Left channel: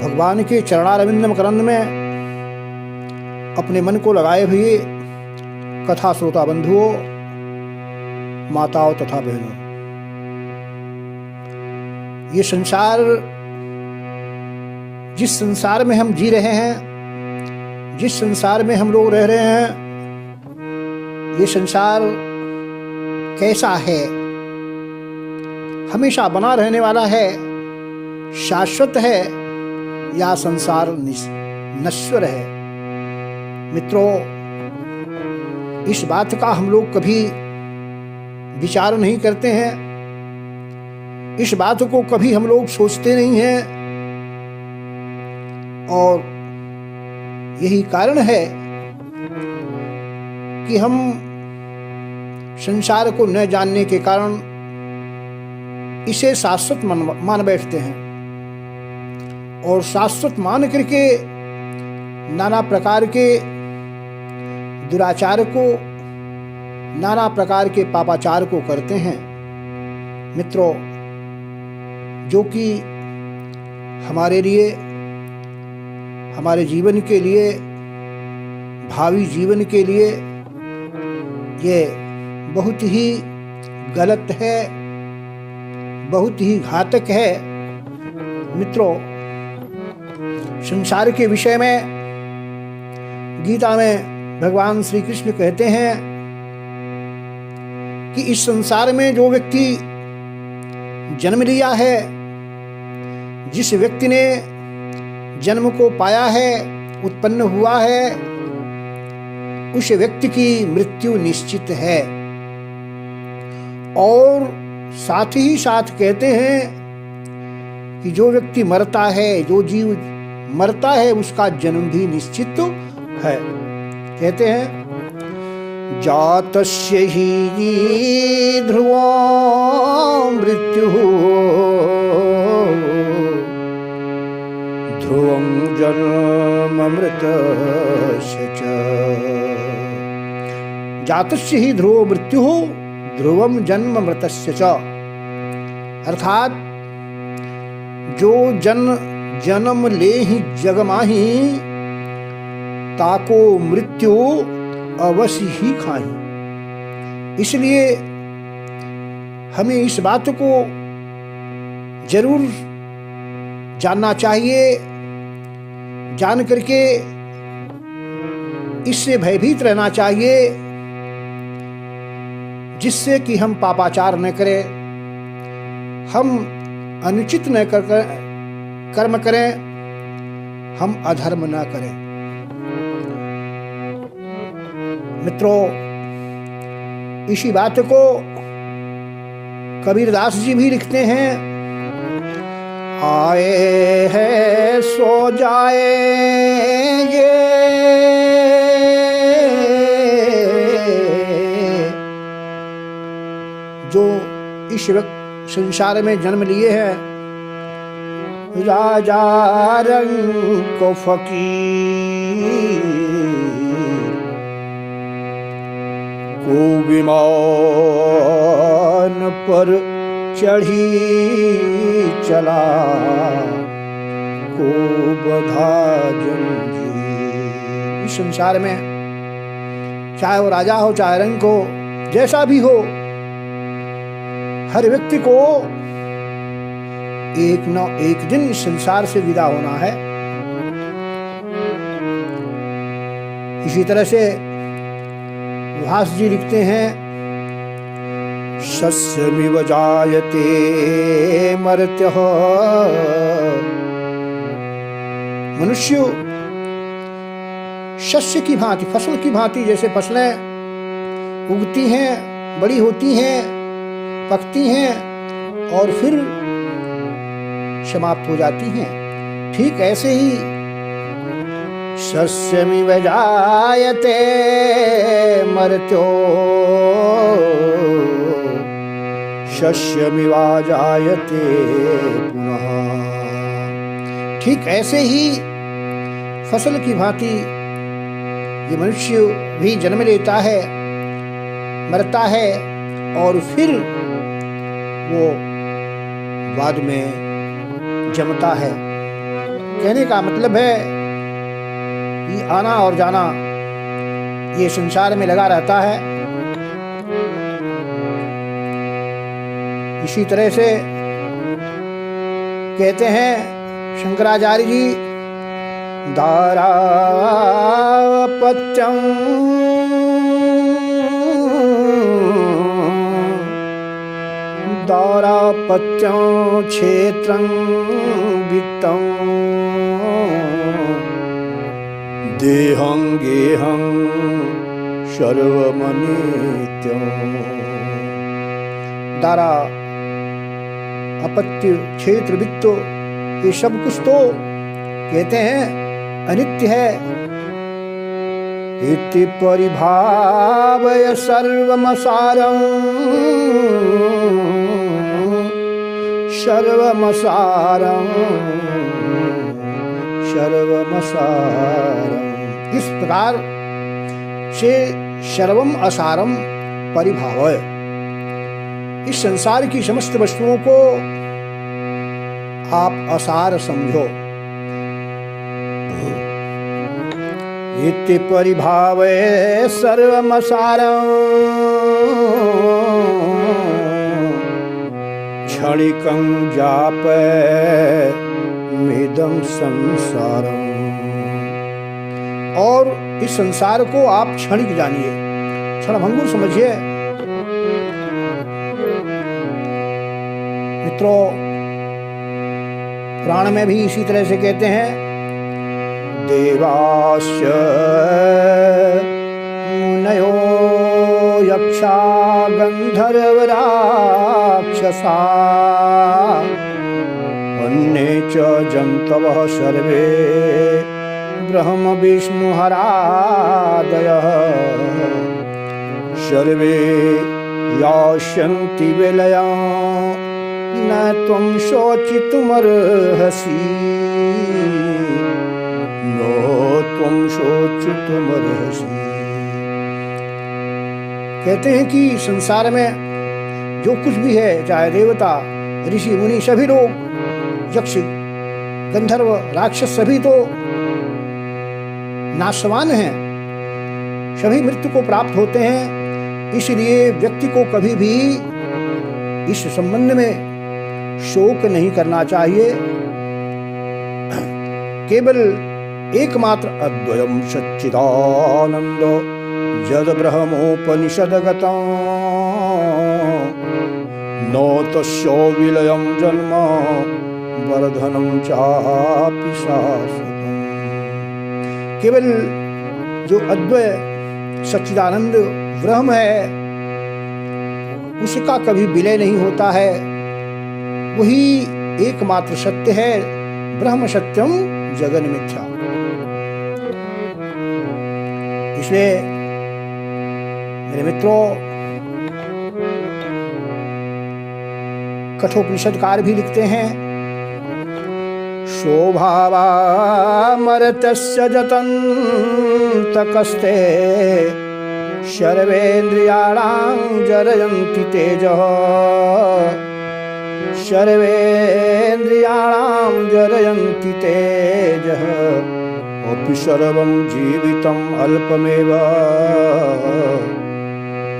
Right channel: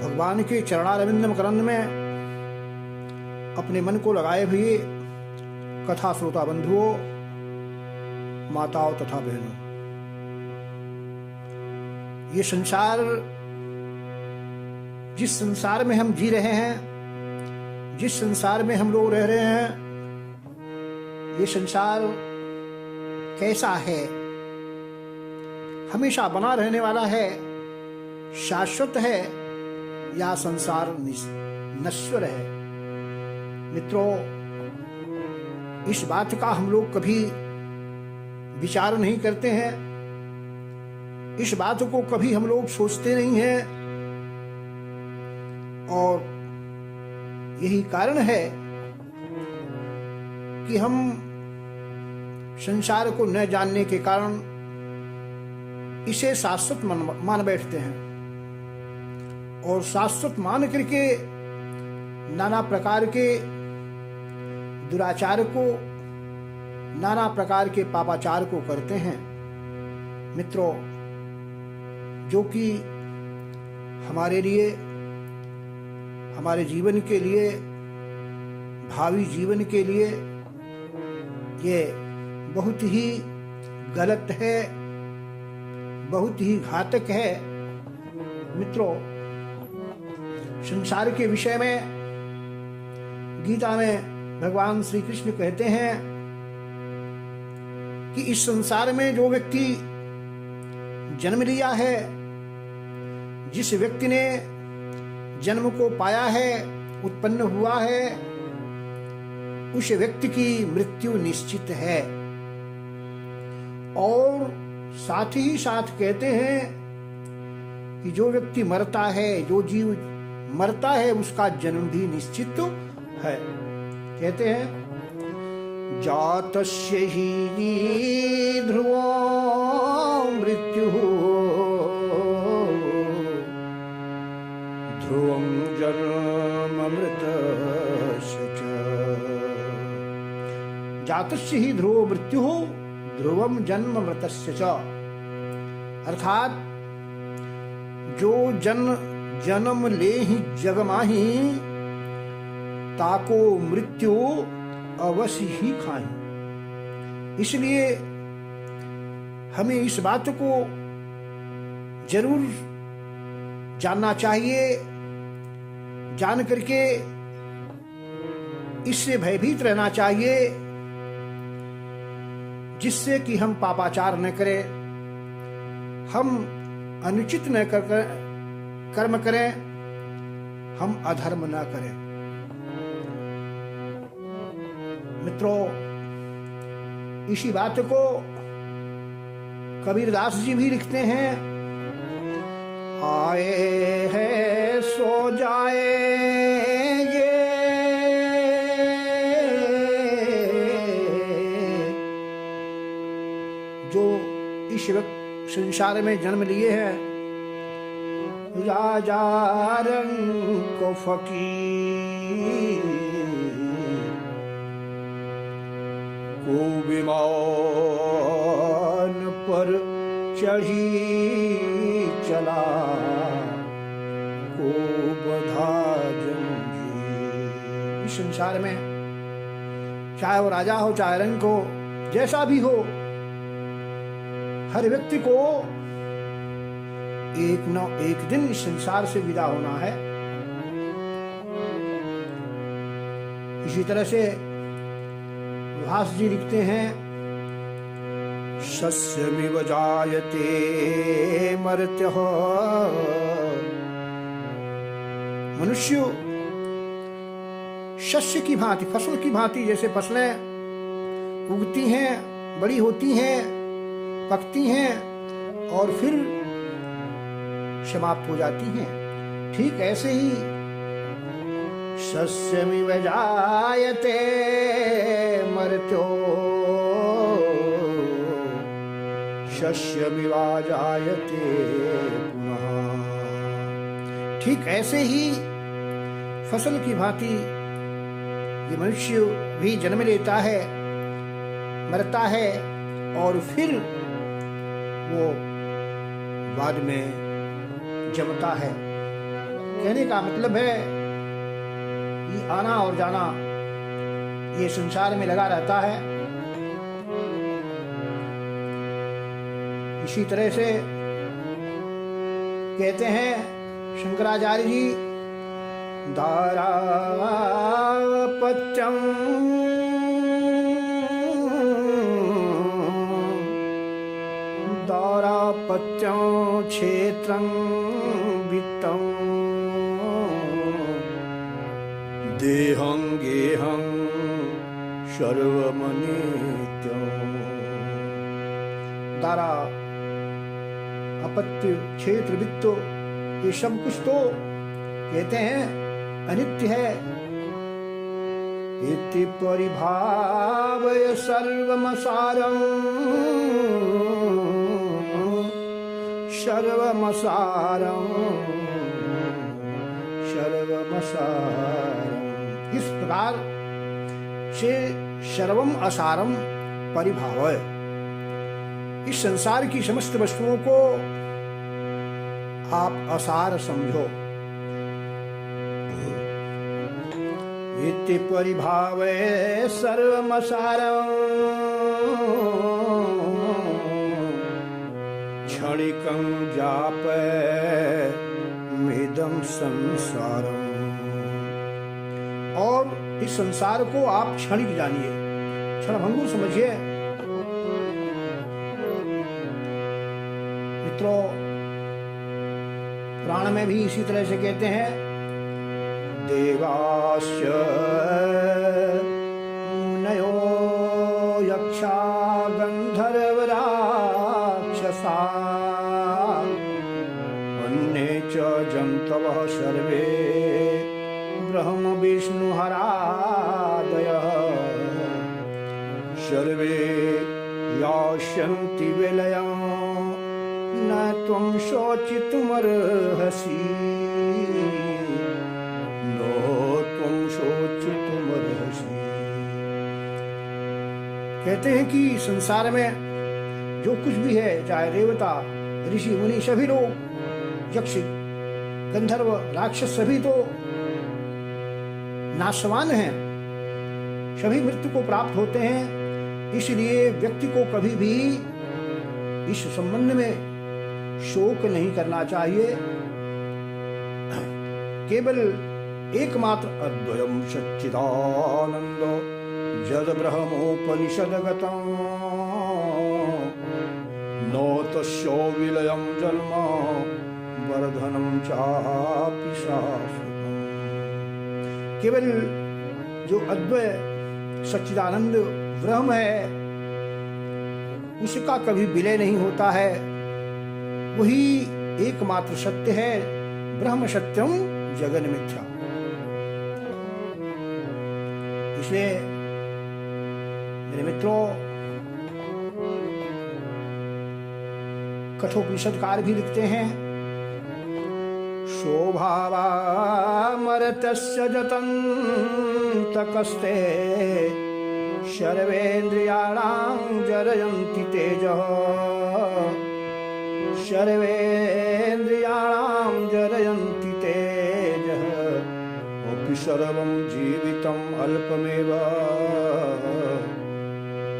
भगवान के चरणारविंद मकरंद में अपने मन को लगाए हुए कथा श्रोता बंधुओं, माताओं तथा बहनों, ये संसार, जिस संसार में हम जी रहे हैं, जिस संसार में हम लोग रह रहे हैं, ये संसार कैसा है? हमेशा बना रहने वाला है, शाश्वत है, या संसार नश्वर है? मित्रों, इस बात का हम लोग कभी विचार नहीं करते हैं, इस बात को कभी हम लोग सोचते नहीं हैं, और यही कारण है कि हम संसार को न जानने के कारण इसे शाश्वत मान बैठते हैं, और शाश्वत मान करके नाना प्रकार के दुराचार को, नाना प्रकार के पापाचार को करते हैं। मित्रों, जो कि हमारे लिए, हमारे जीवन के लिए, भावी जीवन के लिए ये बहुत ही गलत है, बहुत ही घातक है। मित्रों, संसार के विषय में गीता में भगवान श्री कृष्ण कहते हैं कि इस संसार में जो व्यक्ति जन्म लिया है, जिस व्यक्ति ने जन्म को पाया है, उत्पन्न हुआ है, उस व्यक्ति की मृत्यु निश्चित है। और साथ ही साथ कहते हैं कि जो व्यक्ति मरता है, जो जीव मरता है, उसका जन्म भी निश्चित है। कहते हैं जातस्य हि ध्रुवो मृत्युः ध्रुवं जन्ममृतस्य च। जातस्य हि ध्रुवो मृत्युः ध्रुवं जन्ममृतस्य च। अर्थात जो जन्म ले ही जग माही, ताको मृत्यु अवश्य ही खाही। इसलिए हमें इस बात को जरूर जानना चाहिए, जान करके इससे भयभीत रहना चाहिए, जिससे कि हम पापाचार न करें, हम अनुचित न कर्म करें, हम अधर्म न करें। मित्रों, इसी बात को कबीरदास जी भी लिखते हैं, आए हैं सो जाएंगे, जो इस संसार में जन्म लिए हैं, राजा रंग को फकीर को विमान पर चढ़ी चला, को बधा जंजीर। इस संसार में चाहे वो राजा हो, चाहे रंग हो, जैसा भी हो, हर व्यक्ति को एक न एक दिन इस संसार से विदा होना है। इसी तरह से व्यास जी लिखते हैं, सस्यमिव जायते मर्त्यः। मनुष्य शस्य की भांति, फसल की भांति, जैसे फसलें उगती हैं, बड़ी होती हैं, पकती हैं और फिर समाप्त हो जाती हैं, ठीक ऐसे ही सस्यमिव जायते मर्त्यो शस्यमिवा जायते पुनः। ठीक ऐसे ही फसल की भांति ये मनुष्य भी जन्म लेता है, मरता है और फिर वो बाद में जमता है। कहने का मतलब है कि आना और जाना ये संसार में लगा रहता है। इसी तरह से कहते हैं शंकराचार्य जी, दारापत्यं दारापत्यं क्षेत्रं वित्तं देहं गेहं सर्वमनित्यं। दारा, अपत्य, क्षेत्र, वित्त, ये सब कुछ तो कहते हैं अनित्य है। इति परिभावय सर्वमसारं सर्वमसारं सर्वमसारं। इस प्रकार से सर्वम असारम परिभावय, इस संसार की समस्त वस्तुओं को आप असार समझो। इति परिभावय सर्वमसारं क्षणिकं जापयमिदं संसारम्। और इस संसार को आप क्षणिक जानिए, क्षणभंगुर समझिए। मित्रों, पुराण में भी इसी तरह से कहते हैं, देवाश्च मुनयो यक्षा गंधर्वराक्षसा अन्ये च जन्तवः सर्वे ब्रह्म विष्णुहरादयः सर्वे यास्यन्ति विलयं न त्वं शोचितुमर्हसि न त्वं शोचितुमर्हसि। कहते हैं कि संसार में जो कुछ भी है, चाहे देवता, ऋषि, मुनि, सभी लोग, यक्ष, गंधर्व, राक्षस, सभी तो नाशवान हैं, सभी मृत्यु को प्राप्त होते हैं। इसलिए व्यक्ति को कभी भी इस संबंध में शोक नहीं करना चाहिए। केवल एकमात्र अद्वयं सच्चिदानंद जद ब्रह्मोपनिषदगतं न तस्य विलयं जन्म वर्धनं चापि शाश्वतम्। केवल जो अद्वय सच्चिदानंद ब्रह्म है, उसका कभी विलय नहीं होता है। वही एकमात्र सत्य है। ब्रह्म सत्यम जगन मिथ्या। इसलिए मेरे मित्रों, कठोपनिषदकार भी लिखते हैं, शोभावामर्तस्य जतन्तकस्ते सर्वेन्द्रियाणां जरयन्ति तेजः सर्वेन्द्रियाणां जरयन्ति तेजः अपि सर्वं जीवितम् अल्पमेव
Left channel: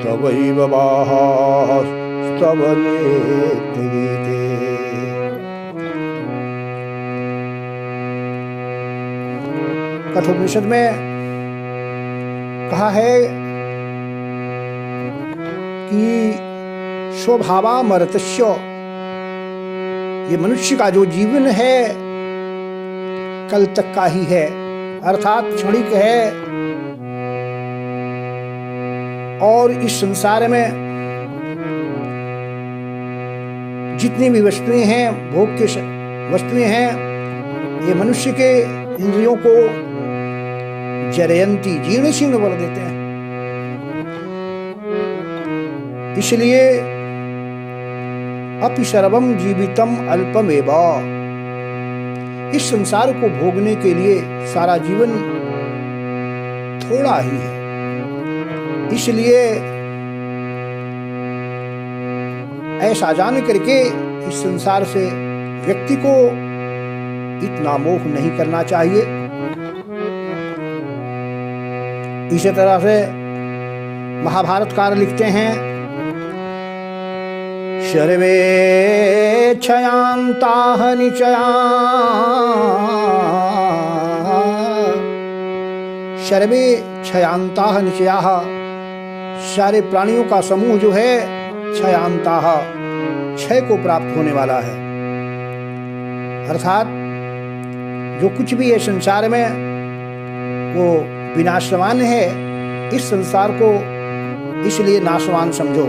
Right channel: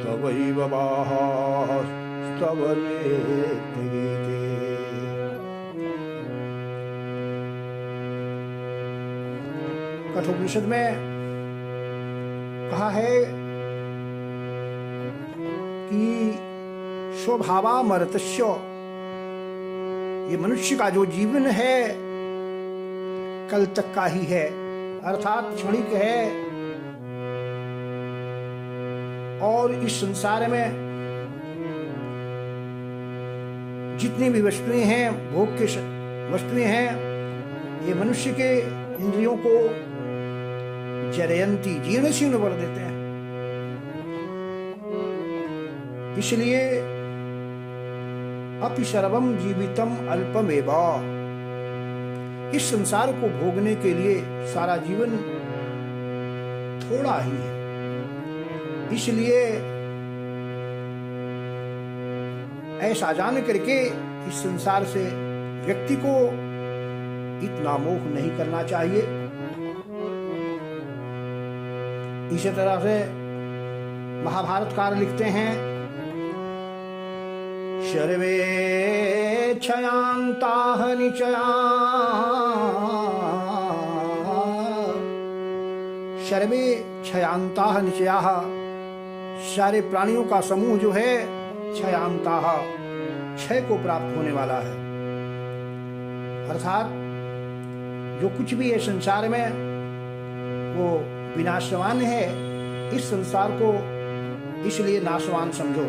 तवैव बाहास्तव नेत्रिते। कठोपनिषद में कहा है कि स्वभावामर्तस्य, ये मनुष्य का जो जीवन है कल तक का ही है, अर्थात क्षणिक है। और इस संसार में जितनी भी वस्तुएं हैं, भोग की वस्तुएं हैं, ये मनुष्य के इंद्रियों को जरयंती, जीर्ण शीर्ण कर देते हैं। इसलिए अपि सर्वम जीवितम अल्पमेव, इस संसार को भोगने के लिए सारा जीवन थोड़ा ही है। इसलिए ऐसा जान करके इस संसार से व्यक्ति को इतना मोह नहीं करना चाहिए। इसी तरह से महाभारतकार लिखते हैं, सर्वे क्षयांताः निचया, सर्वे क्षयांताः निचयाः, सारे प्राणियों का समूह जो है क्षयांताः, क्षय को प्राप्त होने वाला है। अर्थात जो कुछ भी है संसार में वो विनाशवान है। इस संसार को इसलिए नाशवान समझो।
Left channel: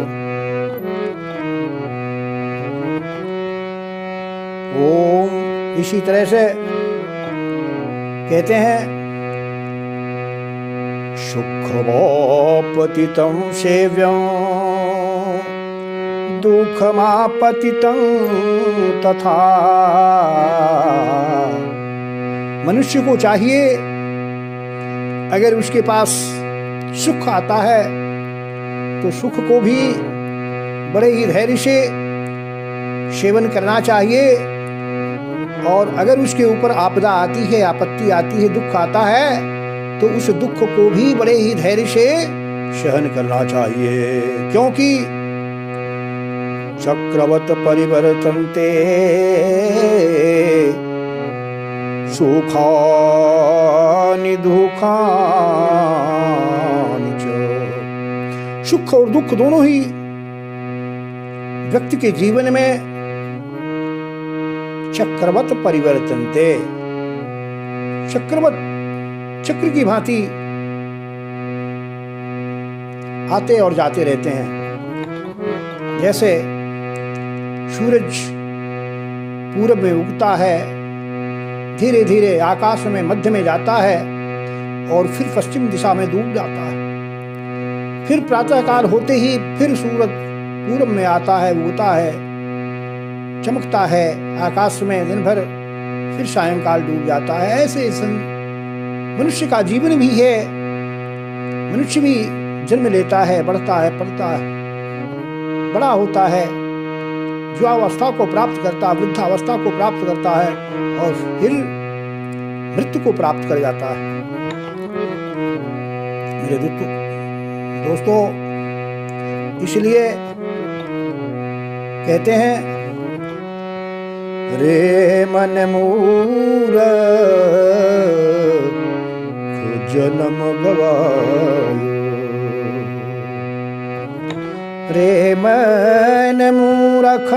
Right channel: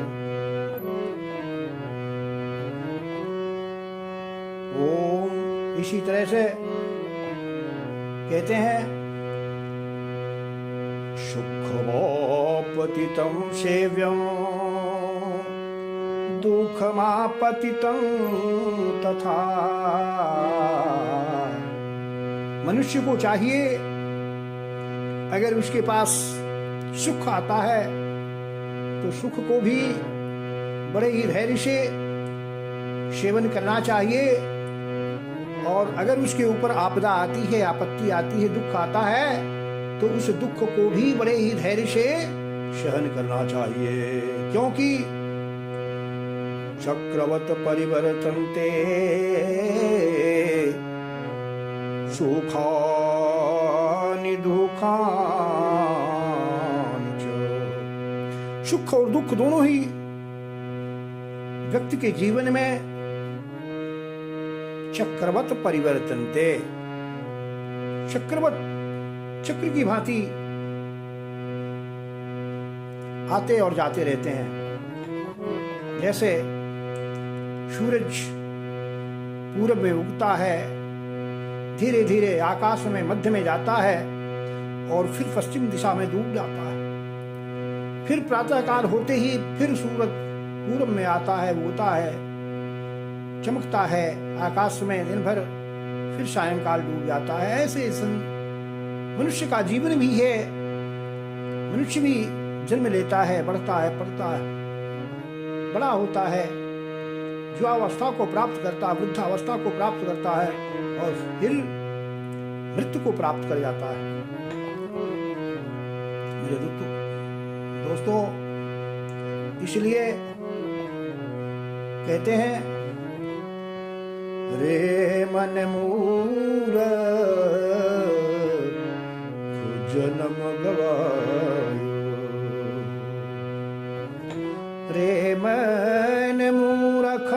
ओम इसी तरह से कहते हैं, सुखमापतितं सेव्यं दुःखमापतितं तथा। मनुष्य को चाहिए, अगर उसके पास सुख आता है तो सुख को भी बड़े ही धैर्य से सेवन करना चाहिए, और अगर उसके ऊपर आपदा आती है, आपत्ति आती है, दुख आता है, तो उस दुख को भी बड़े ही धैर्य से सहन करना चाहिए। क्योंकि चक्रवत परिवर्तन्ते सुखानि दुःखानि च। सुख और दुख दोनों ही व्यक्ति के जीवन में चक्रवत परिवर्तन्ते, चक्रवत चक्र की भांति आते और जाते रहते हैं। जैसे सूरज पूरब में उगता है, धीरे धीरे आकाश में मध्य में जाता है और फिर पश्चिम दिशा में डूब जाता है। फिर प्रातःकाल होते ही फिर सूरज पूरब में आता है, उगता है, चमकता है आकाश में दिन भर, फिर सायंकाल डूब जाता है। ऐसे मनुष्य का जीवन भी है। मनुष्य भी जन्म लेता है, बढ़ता है, पढ़ता है, बड़ा होता है, युवावस्था को प्राप्त करता है, वृद्धावस्था को प्राप्त करता है और फिर मृत्यु को प्राप्त कर जाता है। मेरे दोस्तों, इसलिए कहते हैं, रे मन मूरख जन्म गवायो, रे मन मूरख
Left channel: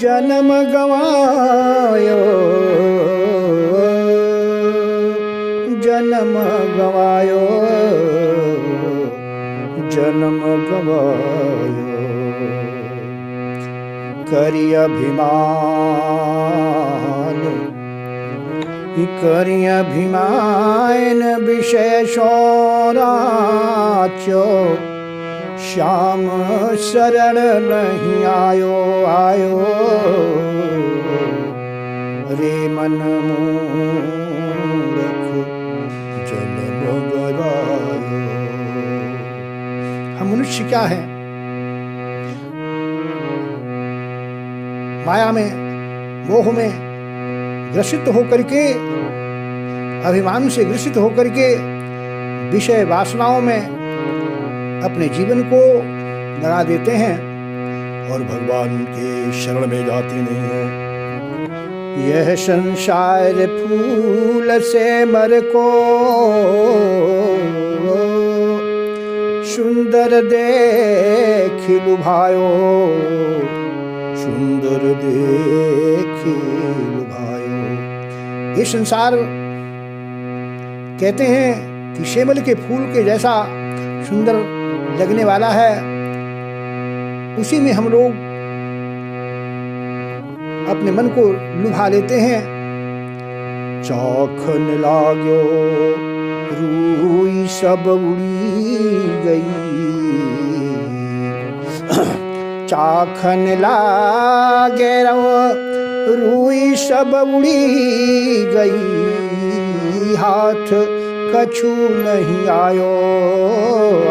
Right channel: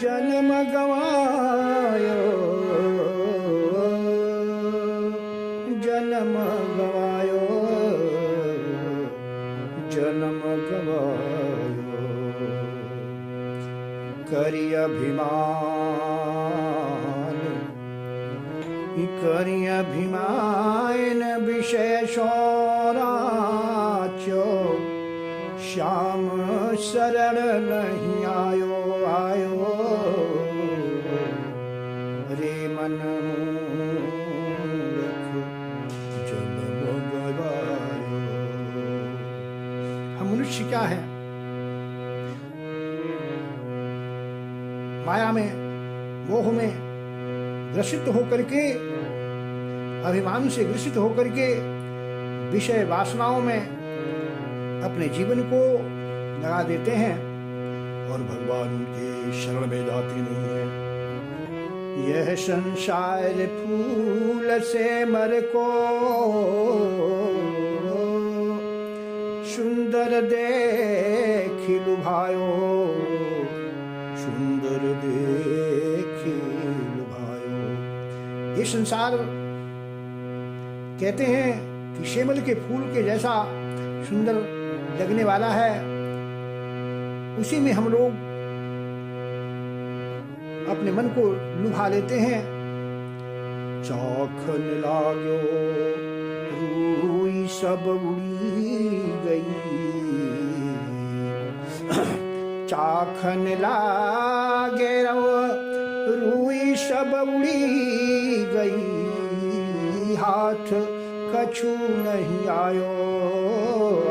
जन्म गवायो, जन्म गवायो, जन्म गवायो। करि अभिमान, करि अभिमान विशेषो राच्यो, श्याम शरण नहीं आयो आयो, रे मन मूरख जन्म गवायो। हम मनुष्य क्या है? माया में, मोह में ग्रसित होकर के, अभिमान से ग्रसित होकर के विषय वासनाओं में अपने जीवन को लगा देते हैं और भगवान के शरण में जाते नहीं हैं। यह संसार फूल से मर को सुंदर देखि लुभायो, सुंदर देखि लुभायो। ये संसार कहते हैं कि शेमल के फूल के जैसा सुंदर लगने वाला है, उसी में हम लोग अपने मन को लुभा लेते हैं। चाखन लागो रूई सब उड़ी गई, चाखन लागे रूई सब उड़ी गई, हाथ कछु नहीं आयो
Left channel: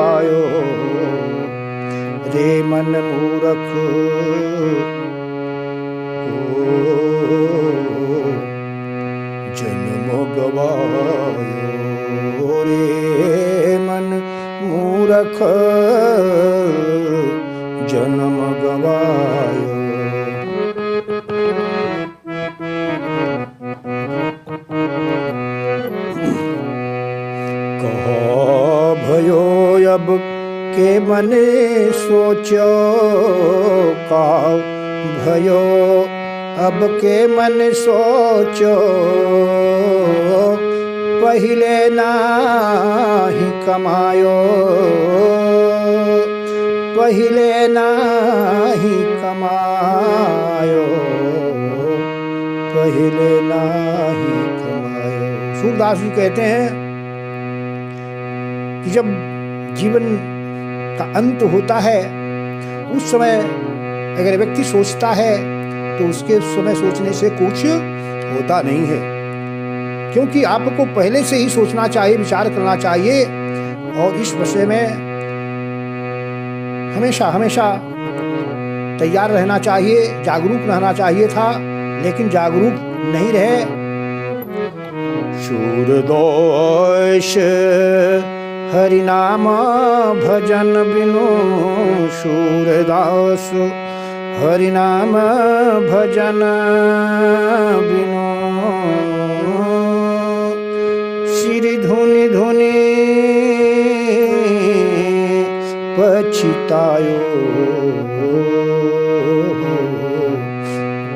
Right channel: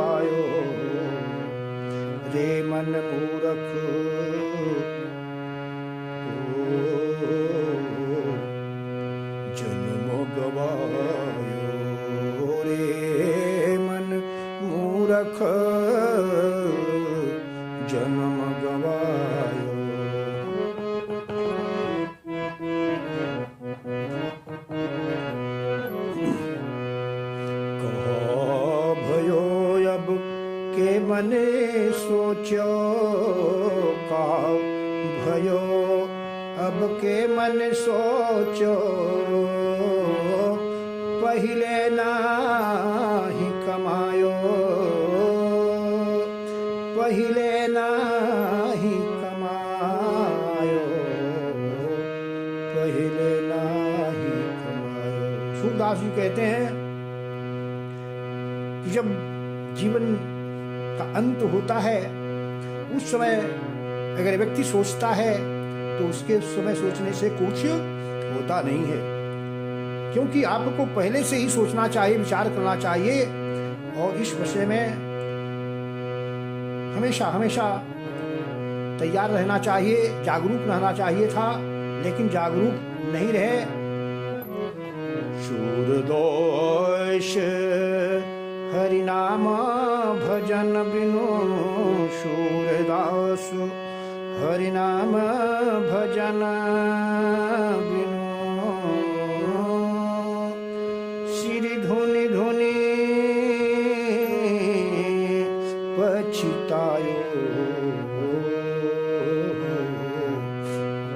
आयो, रे मन मूरख मूरख जन्म गवायो। कहो भयो अब के मने सोचो, कहो भयो अब के मन सोचो, पहिले नाही कमायो, पहिले नाही कमायो, पहिले नाही कमायो। सूरदास जी कहते हैं कि जब जीवन का अंत होता है उस समय अगर व्यक्ति सोचता है तो उसके समय सोचने से कुछ होता नहीं है, क्योंकि आपको पहले से ही सोचना चाहिए, विचार करना चाहिए और इस विषय में हमेशा हमेशा तैयार रहना चाहिए, जागरूक रहना चाहिए था, लेकिन जागरूक नहीं रहे। सूरदोष हरि नाम भजन बिनु, सूरदास हरि नाम भजन बिनु, सिर धुनि धुनि पछितायो,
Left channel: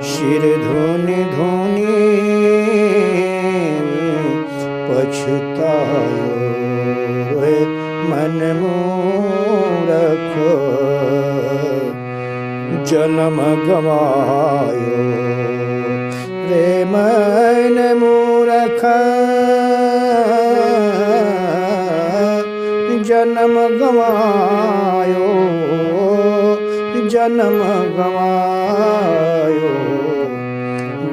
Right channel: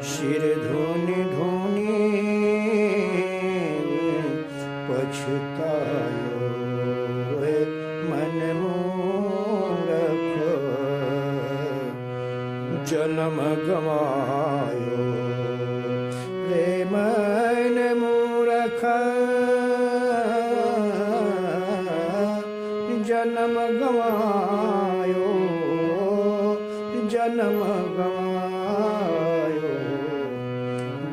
सिर धुनि धुनि पछितायो, मन मूरख जन्म गवायो, रे मन मूरख जन्म गवायो, जन्म गवायो,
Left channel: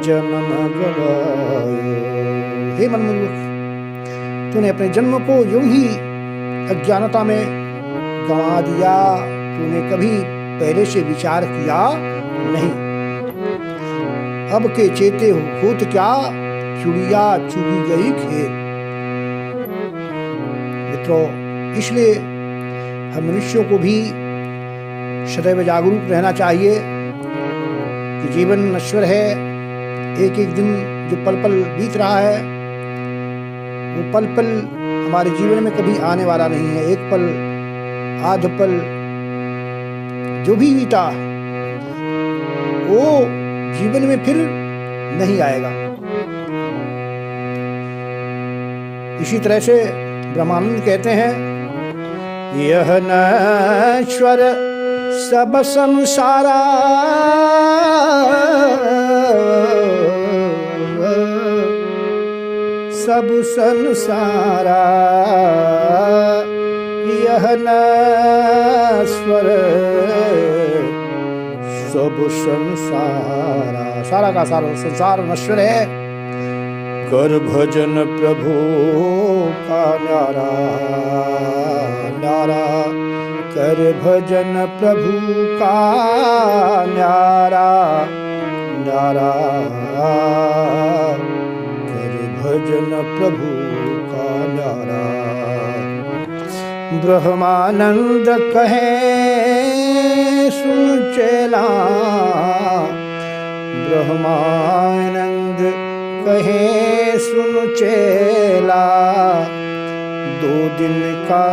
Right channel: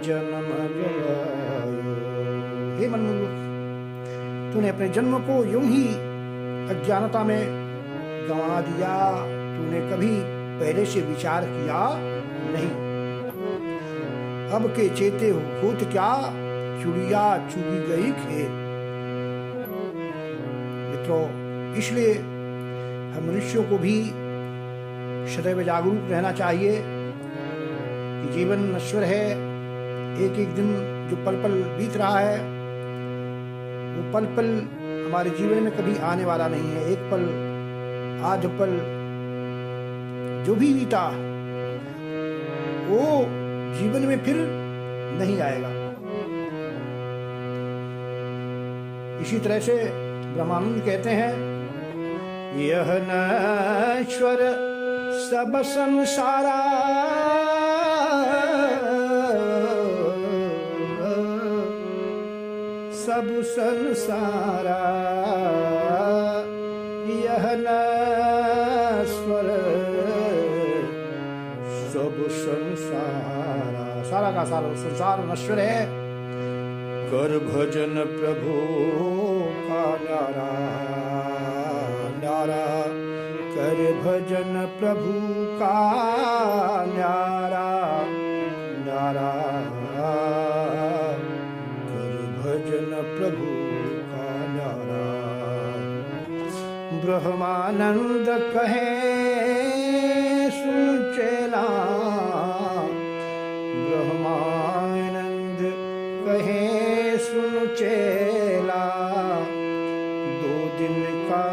जन्म गवायो। हे मन मूर्ख, तूने अपने जन्म को यूं ही अज्ञानता में गंवा दिया, तूने कभी पहले से विचार किया नहीं। अब के चेते होत क्या, चुड़िया चुगी गई खेत। मित्रों, इसलिए हम मनुष्यों को भी सदैव जागरूक रहना चाहिए कि जीवन नश्वर है। एक एक दिन जो पल पल बीत रहा है वो पल पल हमारे जीवन में कभी आने वाला नहीं है। एक पल, आध पल जो भी बीता वो जीवन में फिर नहीं आएगा। इसी तरह से ब्रह्मानंद कहते हैं, यह नश्वर सब संसारा, सब संसारा, यह नश्वर सब संसारा, सारा का सारा संसार नश्वर है। कर भजन प्रभु का न्यारा, न्यारा कर भजन प्रभु का न्यारा, न्यारा कर भजन प्रभु का न्यारा। ब्रह्मानंद कहे सुन चेला, ब्रह्मानंद कहे सुन चेला, 2 दिन का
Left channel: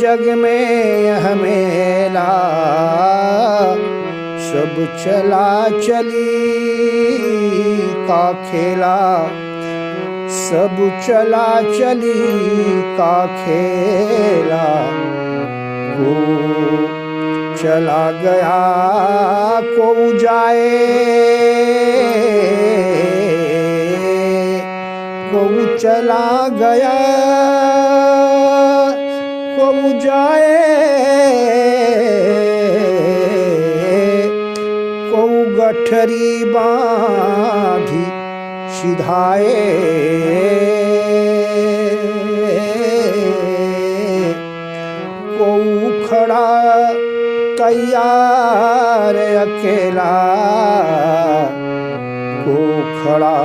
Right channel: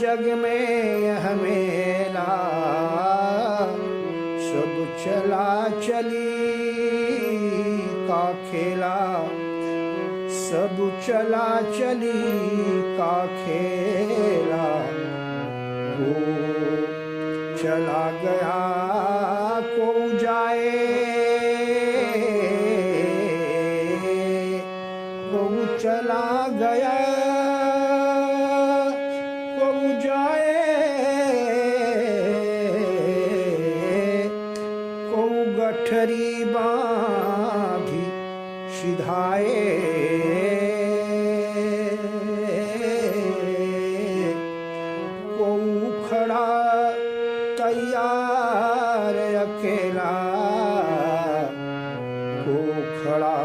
जग में यह मेला, सब चला चली का खेला, सब चला चली का खेला। को चला गया को जाए, को चला गया को जाए, को गठरी बांधी सिधाए, को खड़ा तैयार अकेला, को खड़ा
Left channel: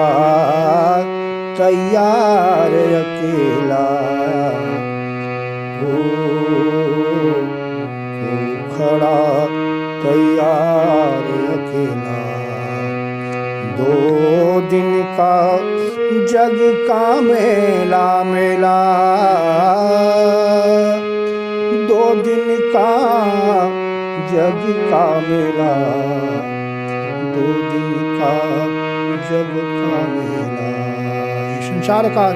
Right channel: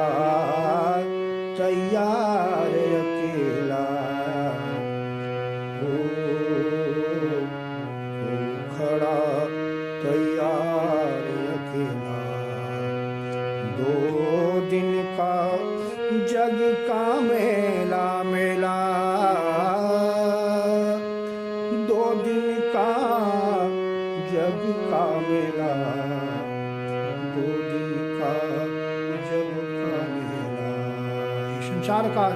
तैयार अकेला, को तैयार अकेला। 2 दिन का जग का मेला मेला, 2 दिन का जग का मेला, 2 दिन का जग का मेला। संसार का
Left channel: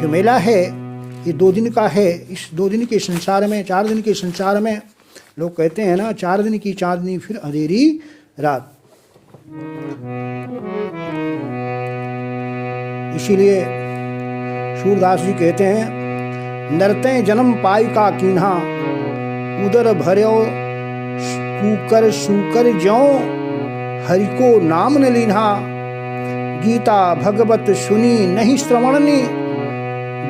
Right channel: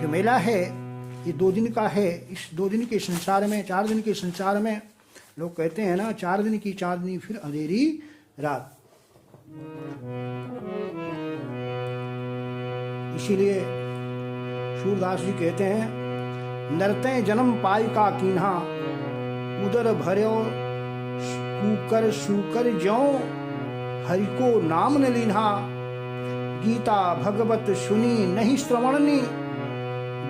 जो मेला है ये 2 दिन का है। इस 2 दिन के संसार में, 4 दिन के संसार में लोग कहते हैं ना, 4 दिन की चांदनी फिर अंधेरी रात। इसीलिए सूरदास जी कहते हैं, नरते जन्म पाई का कीन्हा, उदर भर्यो कूकर शूकर ज्यों, हरि को नाम न लीन्हा। गीता भगवत सुनी नहीं श्रवणनी,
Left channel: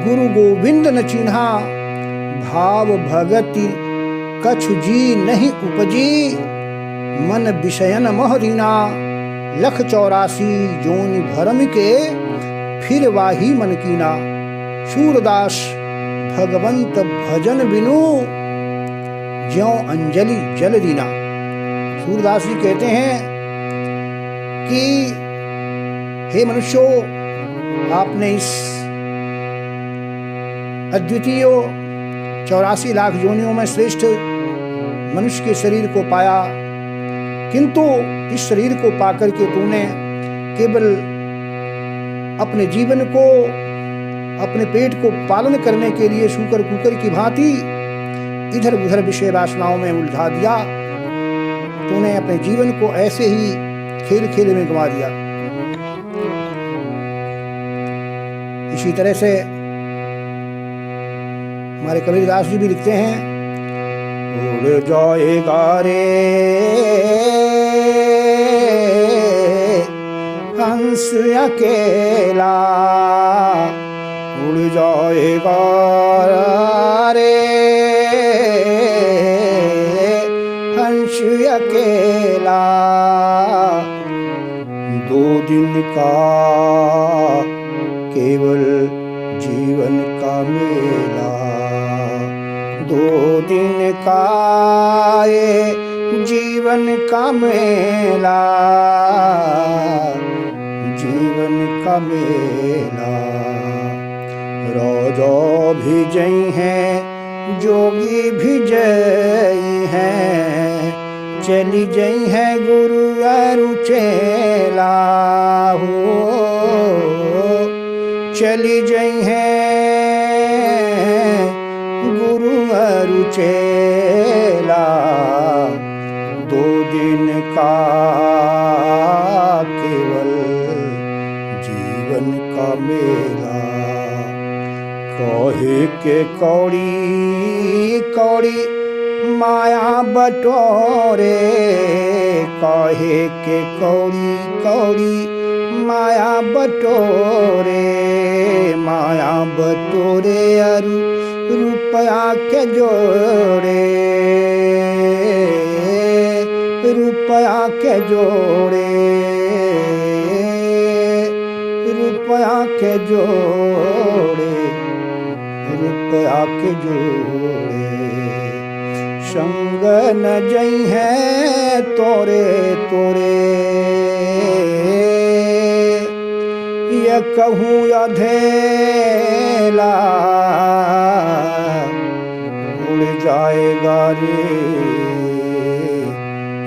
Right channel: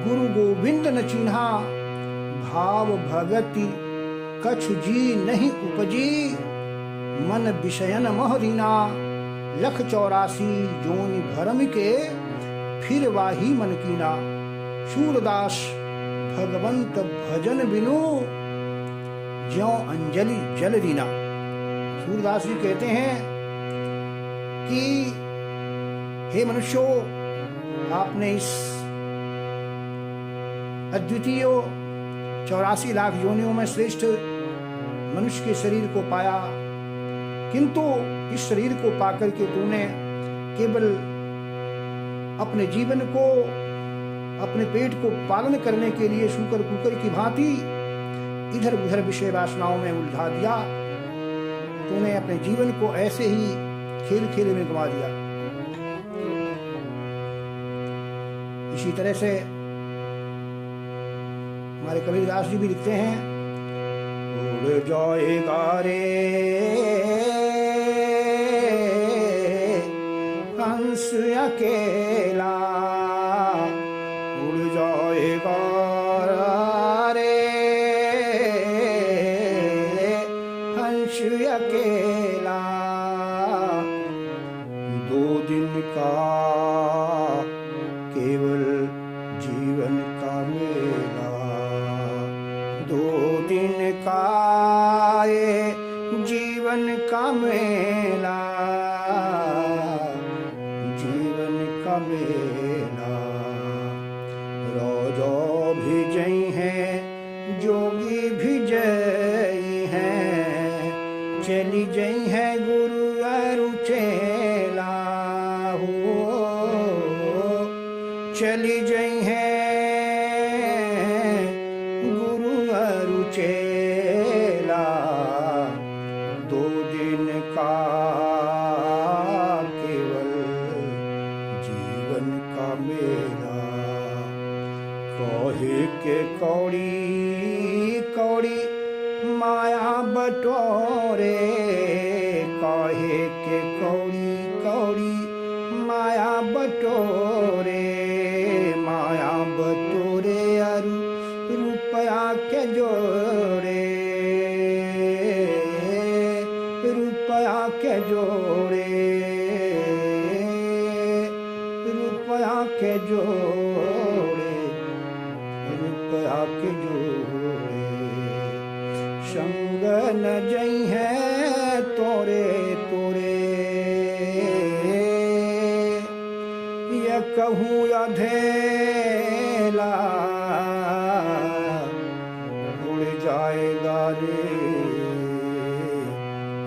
गुरु गोविंद न चिन्हा। भाव भगति कछु जी नहीं उपजी, मन विषयन मोहरीना। 184 जोनि भरम के, फिर वाही मन कीना। सूरदास भगवंत भजन बिनु, ज्यों अंजलि जल दीना। सूरदास जी कहते हैं कि हे मनुष्यों, आपने इस अद्वितीय 84 लाख योनियों में श्रेष्ठ मनुष्य के शरीर को पाया, किंतु इस शरीर को पाकर के तूने केवल अपने जीवन को, अपने पेट को पालन करने के लिए शूकर कुकर की भांति इधर उधर विषय वासनाओं में उलझा दिया। तूने अपने जीवन को ऐसे ही खेल खेल में गंवा दिया। इसी तरह से हमारे कबीरदास जी भी लिखते हैं, उड़ जाएगा रे हंस अकेला, उड़ जाएगा रे हंस अकेला। 2 दिन का केवल जीवन का मेला, 2 दिन का ये जीवन का मेला, जीवन का मेला। रोजो भी जई हैं, जोगी भी जई हैं, चली जई हैं गुरु अरु चेला हो। चली जई हैं गुरु अरु चेला, 2 दिन का केवल जीवन का मेला। कहे के कौड़ी कौड़ी माया बटोरे, कहे के कौड़ी कौड़ी माया बटोरे, माया बटोरे अरु रुपया के जोड़े, रुपया के जोड़े, रुपया के जोड़े, रुपया के जोड़े। संग न जई है तोरे तोरे, ये कहूँ अधेला, उड़ जाएगा रे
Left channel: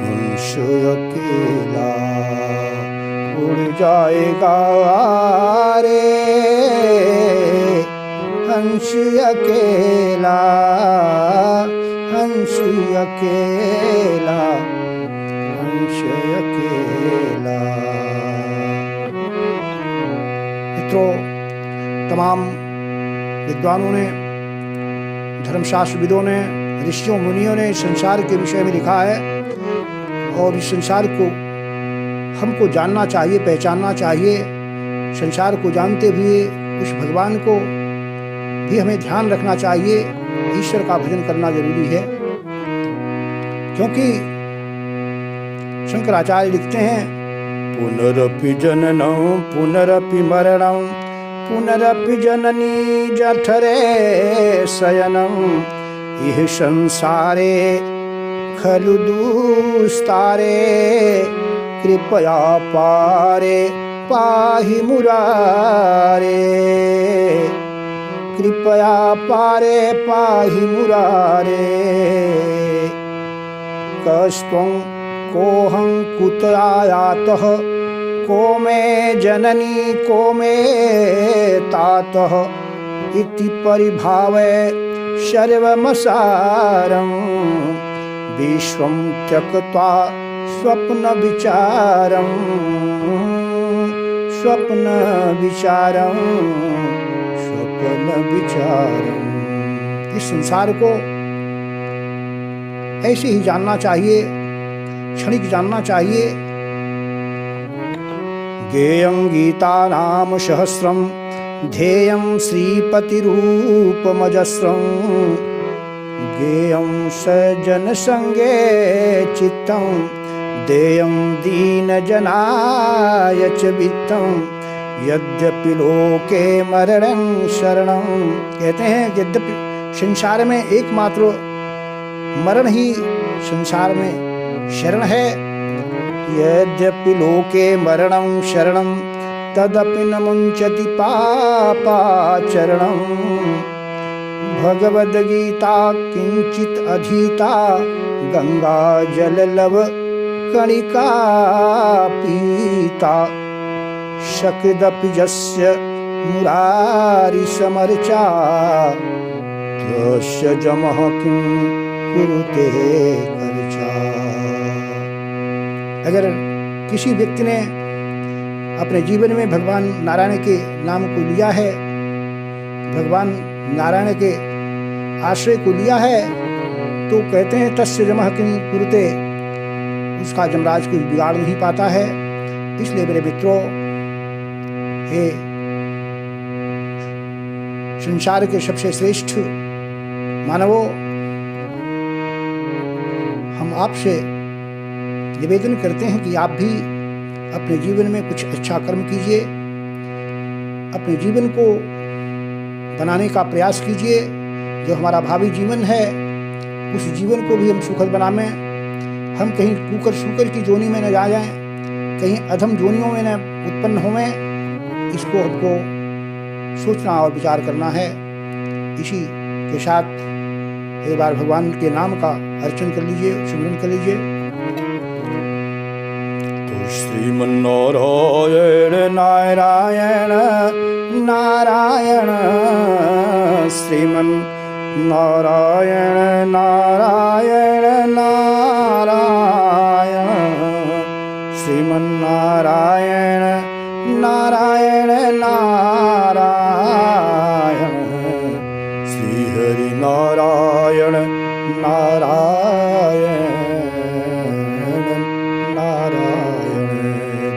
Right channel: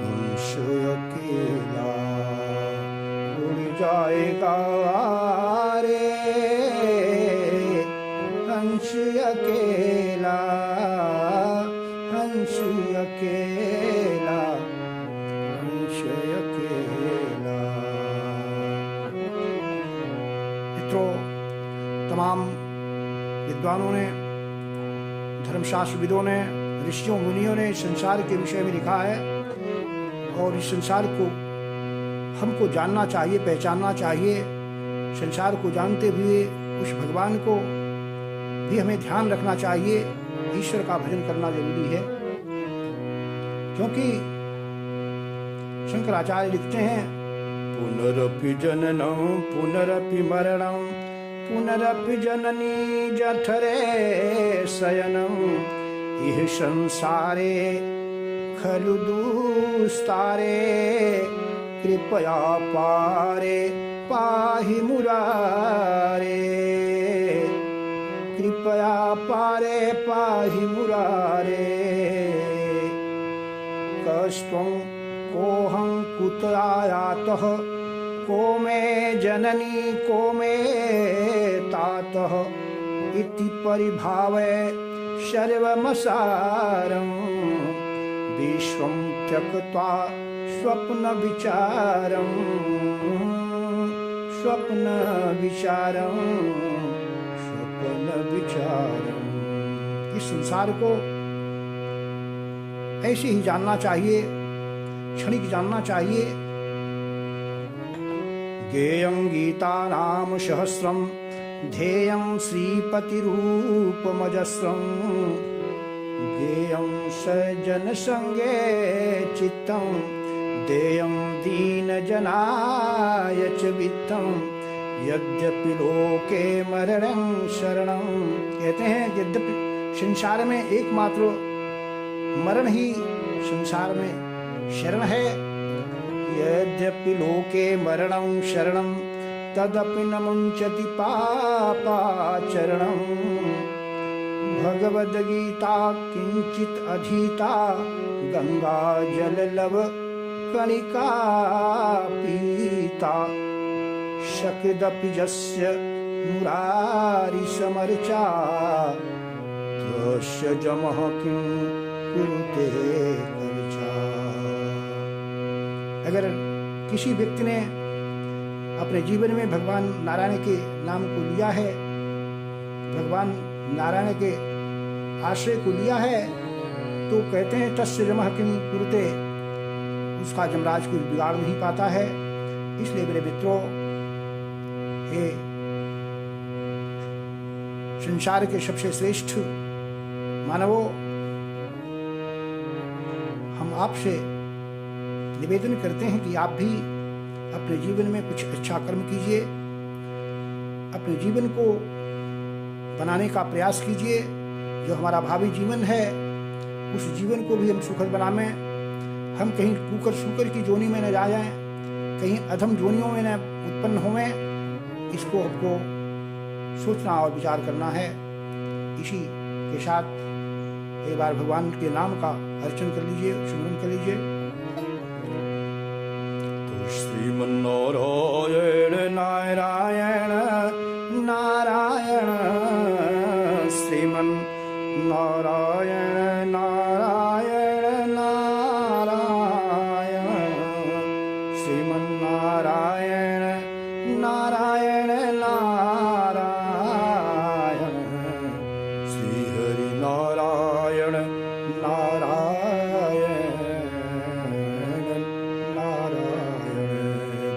हंस अकेला, उड़ जाएगा रे हंस अकेला, हंस अकेला, हंस अकेला। मित्रों, तमाम विद्वानों ने, धर्मशास्त्रविदों ने, ऋषियों मुनियों ने संसार के विषय में लिखा है, और इस संसार को हमको जानना चाहिए, पहचानना चाहिए। संसार को जानते हुए उस भगवान को भी हमें ध्यान रखना चाहिए। ईश्वर का भजन करना जरूरी है, क्योंकि शंकराचार्य लिखते हैं, पुनरपि जननं पुनरपि मरणं, पुनरपि जननी जठरे शयनं। यह संसारे खलु दुस्तारे कृपया पारे पाहि मुरारे कृपया पारे पाहि मुरारे कस्त्वं कोऽहं कुत आयातः को मे जननी को मे तातः इति परिभावय सर्वमसारं विश्वं त्यक्त्वा स्वप्न विचारं इस संसार को ऐसे ही जानना चाहिए, क्षणिक जानना चाहिए। गेयं गीता नाम सहस्रम ध्येयं श्रीपतिरूपमजस्रं गेयं सज्जन संगे चित्तं देयं दीनजनाय च वित्तं यद्यपि लोके मरणं शरणं। कहते हैं यद्यपि संसार में एकमात्र मरण ही संसार में शरण है। यद्यपि लोके मरणं शरणं तदपि न मुंचति पापाचरणं। भगवद्गीता किंचित अधीता गंगा जललव कणिका पीता शकृदपि यस्य मुरारि समर्चा तस्य जमः किं कुरुते कर्चा। अगर किसी व्यक्ति ने अपने जीवन में भगवान नारायण के नाम को लिया है, भगवान नारायण के आश्रय को लिया है, तो कहते हैं तस्य जमः किं कुरुते, उसका यमराज कोई बिगाड़ नहीं पाता है। इसलिए मेरे मित्रों, हे संसार के सबसे श्रेष्ठ मानवों, हम आपसे निवेदन करते हैं कि आप भी अपने जीवन में कुछ अच्छा कर्म कीजिए, अपने जीवन को बनाने का प्रयास कीजिए। जो हमारा भावी जीवन है उस जीवन को भी हम सुखद बनाएं। हम कहीं कुकर सूकर की जोनी में न जा जाएं, कहीं अधम जोनियों में न उत्पन्न होवें। इसको हमको सोचना और विचार करना है। इसी के साथ एक बार भगवान के नाम का अर्चन कर लीजिए, सिमरन कर लीजिए। तो श्रीमन्नारायण नारायण नारायण श्रीमन्नारायण नारायण नारायण श्रीमन्नारायण नारायण नारायण श्रीहरि नारायण नारायण नारायण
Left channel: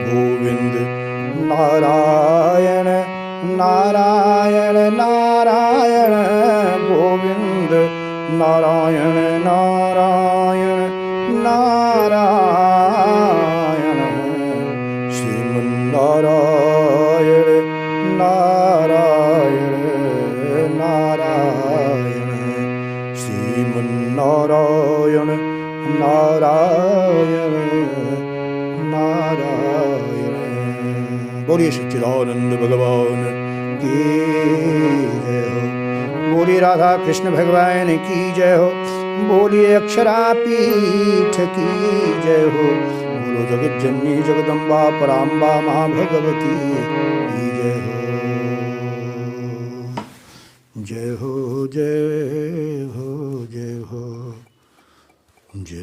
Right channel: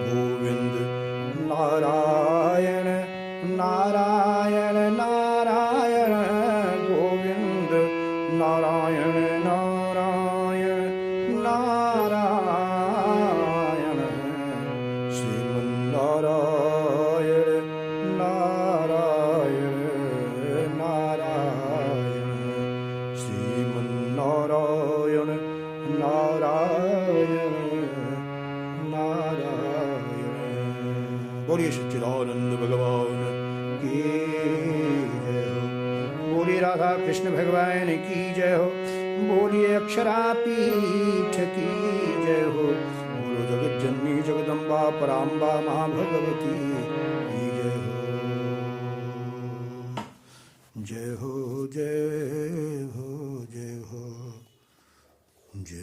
गोविंद नारायण नारायण नारायण गोविंद नारायण नारायण नारायण श्रीमन्नारायण नारायण नारायण श्रीमन्नारायण नारायण नारायण। बोलिए सच्चिदानंद भगवान की जय हो। बोलिए राधा कृष्ण भगवान की जय हो। बोलिए अक्षरापीठ की जय हो। बोलो जगत जननी जगदम्बा पराम्बा महाभगवती की जय हो। जय हो जय हो जय हो जय।